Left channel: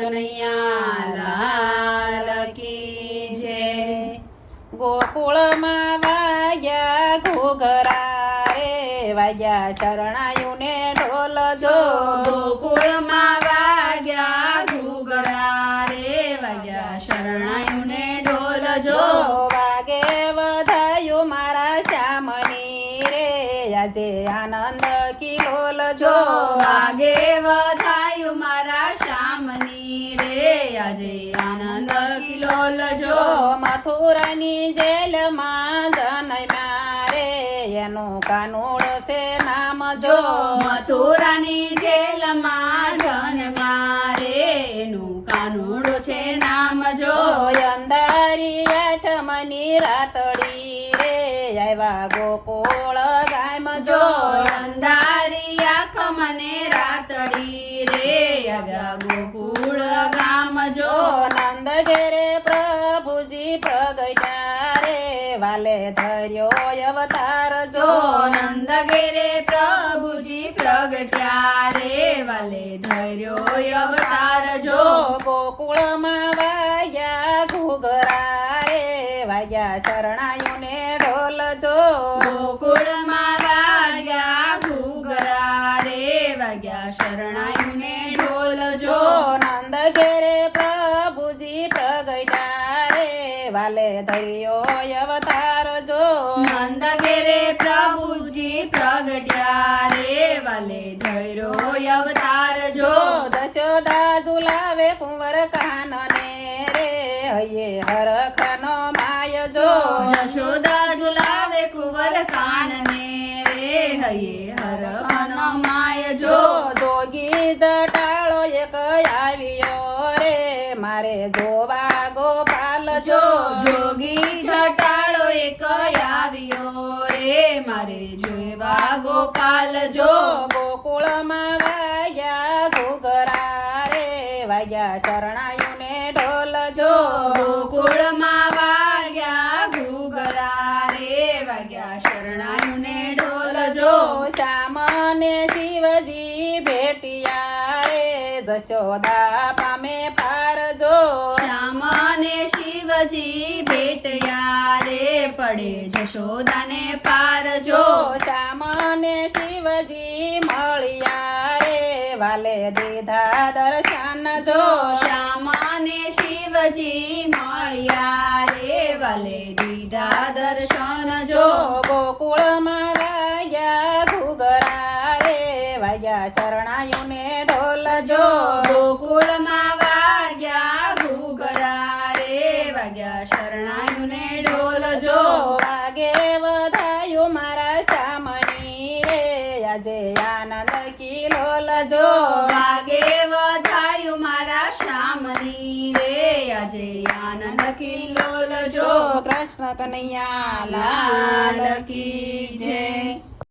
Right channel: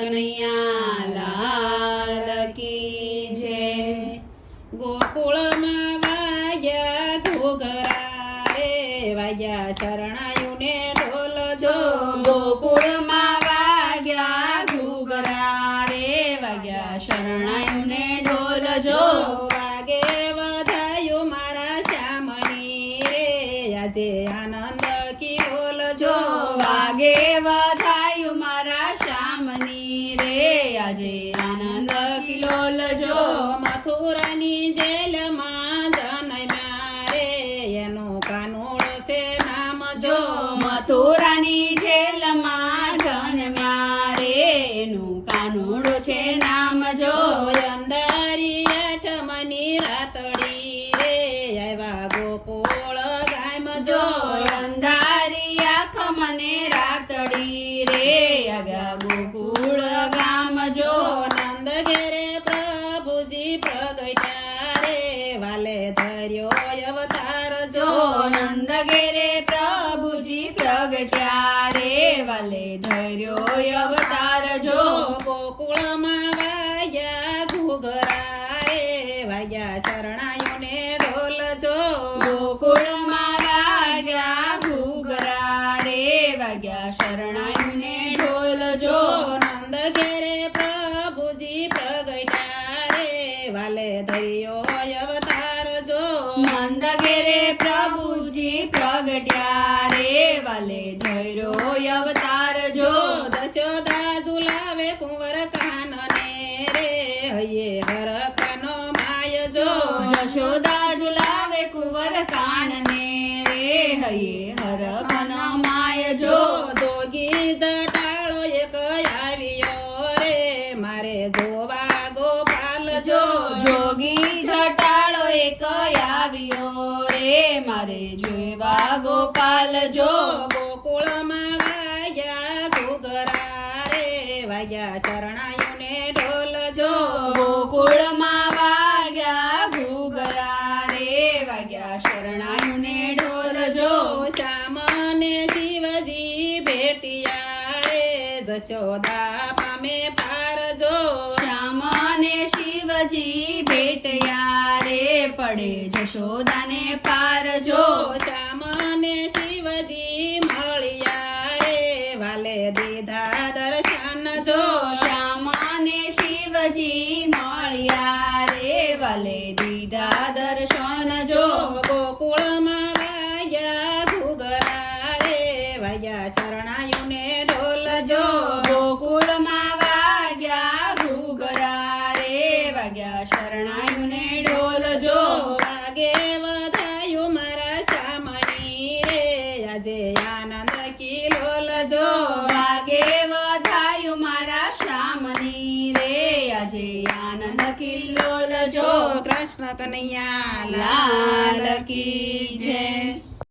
કનૈયા લાલ કી જય। ગોકુળમાં વાગ્યા ઘૂઘરા રે વાગ્યા શરણાયુને ઢોલ જો। ગોકુળમાં વાગ્યા ઘૂઘરા રે વાગ્યા શરણાયુને ઢોલ જો। વાગે વધાયું મારા શ્યામની રે આજે આનંદ કિલોલ જો। વાગે વધાયું મારા શ્યામની રે આજે આનંદ કિલોલ જો। મથુરાની જેલમાં જન્મ્યા રે એનું કાનુડ છે નામ જો। મથુરાની જેલમાં જન્મ્યા રે એનું કાનુડો છે નામ જો। અંધારી આઠમની રાતડી રે આવ્યા ગોકુળ ગામ જો। અંધારી આંખ મને રાતડી રે આવ્યા ગોકુળ ગામ જો। નંદ ઘેરે પ્રભુજી પ્રગટ્યા રે વાલે ધર્યો અવતાર જો। નંદ ઘેરે પ્રભુજી પ્રગટ્યા રે વાલે ધર્યો અવતાર જો। ગોકુળમાં વાગ્યા ઘૂઘરા રે વાગ્યા શરણાયુને ઢોલ જો। ગોકુળમાં વાગ્યા ઘૂઘરા રે વાગ્યા શરણાયુને ઢોલ જો। નંદ ઘેરે પ્રભુજી પ્રગટ્યા રે વાલે ધર્યો અવતાર જો। નંદ ઘેરે પ્રભુજી પ્રગટ્યા રે વાલે ધર્યો અવતાર જો। દશોદા ઝુલાવે કુંવર કાનને રે હૈયે હરખનો માય જો। જશોદા ઝુલાવે કુંવર કાનને રે હૈયે હરખનો માય જો। જોગી જટાળો એક આવ્યો રે મારે જોવા ગોપાલ જો। જોગી જટાળો એક આવ્યો રે મારે જોવા ગોપાલ જો। ગોકુળમાં વાગ્યા ઘૂઘરા રે વાગ્યા શરણાયુને ઢોલ જો। ગોકુળમાં વાગ્યા ઘૂઘરા રે વાગ્યા શરણાયુને ઢોલ જો। શ્યામને શિવજી ભેટિયા રે જશોદા પામે પાર જો। શ્યામને શિવજી ભેટયા રે પડે જશોદાને પાર જો। શ્યામને શિવજી મળ્યા રે વાલે દીધા દર્શન જો। શ્યામને શિવજી મળ્યા રે વાલે દીધા દર્શન જો। ગોકુળમાં વાગ્યા ઘૂઘરા રે વાગ્યા શરણાયુને ઢોલ જો। ગોકુળમાં વાગ્યા ઘૂઘરા રે વાગ્યા શરણાયુને ઢોલ જો। વાગે વધાયું મારા શ્યામણી રે આજે આનંદ કિલોલ જો। વાગે વધાયું મારા શ્યામની રે આજે આનંદ કિલ્લોલ જો। કૃષ્ણ કનૈયા લાલ કી જય।